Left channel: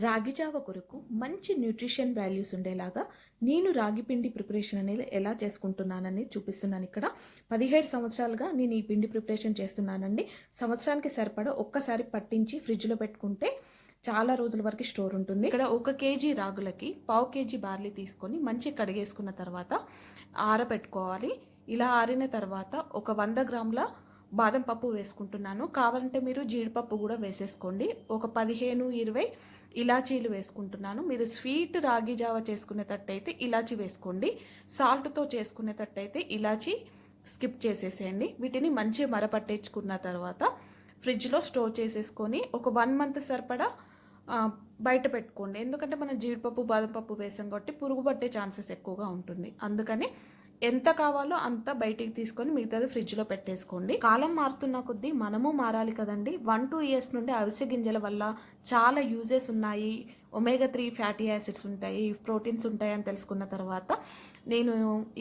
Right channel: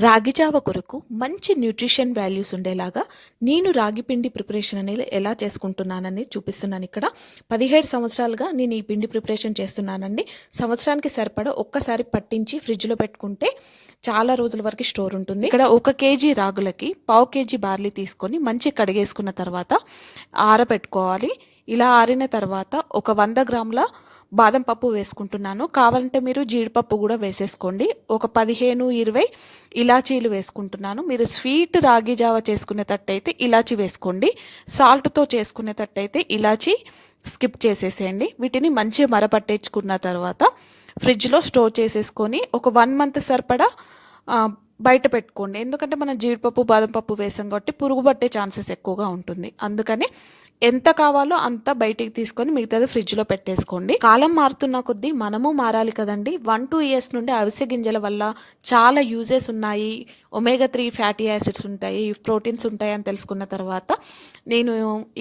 రాగి జావ కొరకు మంచి న్యూట్రిషన్ వాల్యూస్ ఉండేలాగా నేను రాగి పిండి ప్రిపరేషన్ అనేది ఎలా చేసుకుంటున్నానని చూపిస్తున్నాను ఇక్కడ. పదిహేడు సంవత్సరాలుగా నేను ఈ పిండి ప్రిపరేషన్ చేస్తున్నానండి. సంవత్సరానికి సరిపడా ఒక్కసారి పట్టించి ఫ్రిడ్జ్లో పెట్టుకుంటే చాలా రోజుల వరకు స్టోర్ ఉంటుంది. ఇక్కడ ఒక కేజీ రాగులకి పావు కేజీ బార్లీ తీసుకొని మంచి కడిగేసుకున్న తర్వాత ఆరబెట్టుకోవాలి. ఇలా ఆరిన తర్వాత ఒక వంద గ్రాముల బాదం పప్పు వేసుకుంటున్నాను. కావాలంటే మీరు జీడిపప్పు కూడా వేసేసుకోండి. ఒక పదిహేను ఇరవై ఇలాచీలు వేసుకుంటున్నాను. మీరు స్వీట్ రాగి జావ చేసుకునేటట్టయితే ఇలాచీ వేసుకోండి. సాల్ట్తో చేసుకునేటట్టయితే ఇలాచీ స్కిప్ చేసేసేయండి. వీటిని మంచిగా మరపట్టేసుకున్న తర్వాత ఫ్రిడ్జ్లో స్టోర్ చేసేసుకొని ఒక వన్ మంత్ సరిపడా బయట పెట్టుకోండి. ఎందుకంటే మనం జీడిపప్పు బాదం పప్పు వేసాం కాబట్టి పురుగు పట్టే ఛాన్సెస్ ఎక్కువగా ఉంటుంది. అందుకని ఎంత కావాలో అంత బయటికి తీసుకొని మిగతాది ఫ్రిడ్జ్లో పెట్టేసుకోండి. కాలం మారుతున్న కొద్దీ మనము మారాలి కదండి. వన్ టూ ఇయర్స్ నుండి అవిసె గింజల వల్ల చాలా యూజెస్ ఉన్నాయి. ఒమేగా త్రీ ఫ్యాటీ యాసిడ్స్ ఉంటాయి ప్రోటీన్స్ ఉంటాయి అని తెలుసుకున్న తర్వాత నేను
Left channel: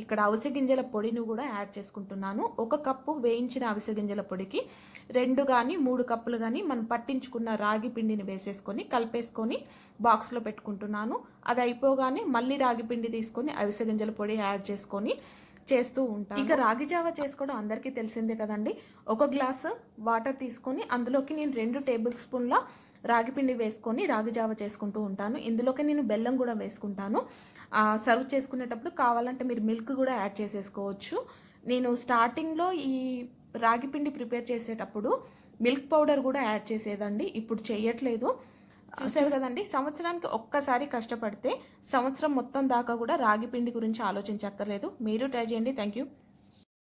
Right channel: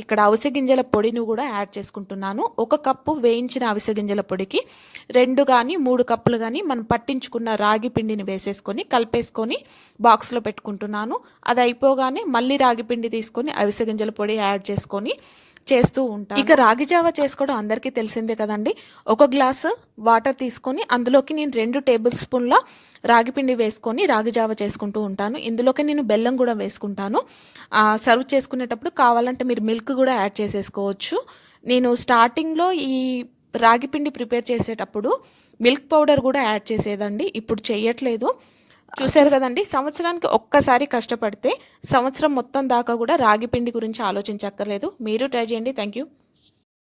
ఇక్కడ అవిసె గింజల పొడిని కూడా యాడ్ చేసుకుంటున్నాను. ఒక కప్పు వేయించిన అవిసె గింజల పొడికి రెండు కానీ మూడు కప్పులు కానీ మనం పట్టించుకున్న రాగి పిండిని వేసేసుకొని కలిపేసుకొని బాక్స్లో పెట్టుకుంటున్నాను. అది అయిపోగానే మళ్ళీ రాగి పిండి తీసుకొని అవిసె గింజల పొడి యాడ్ చేసుకొని చేస్తూ ఉంటాను. ఇక రాగి జావ చేసుకోవడం అందరికీ తెలిసిందే కదండి. ఒక గ్లాసు వాటర్ తీసుకొని అందులోకి నేను రెండు టేబుల్ స్పూన్ల రాగి పిండి వేసుకొని రాగి జావ చేసుకుంటూ ఉంటాను. ఇందులోకి నేను బెల్లం కూడా వేసుకుంటాను. సర్వ్ చేసుకునేటప్పుడు కావాలంటే మీరు మిల్క్ కూడా యాడ్ చేసేసుకోవచ్చు. నేను స్టార్టింగ్లో ఈ రాగి పిండి ప్రిపేర్ చేసేటప్పుడు మిల్క్ పౌడర్ కూడా యాడ్ చేసేదండి. ఇప్పుడు చెయ్యట్లేదు చూశారు కదండి సంవత్సరానికి ఒక్కసారి కష్టపడితే సంవత్సరం మొత్తం దాకా కూడా రాగి పిండి గురించి ఆలోచించక్కర్లేదు. మీరు ట్రై చేయండి. Thank you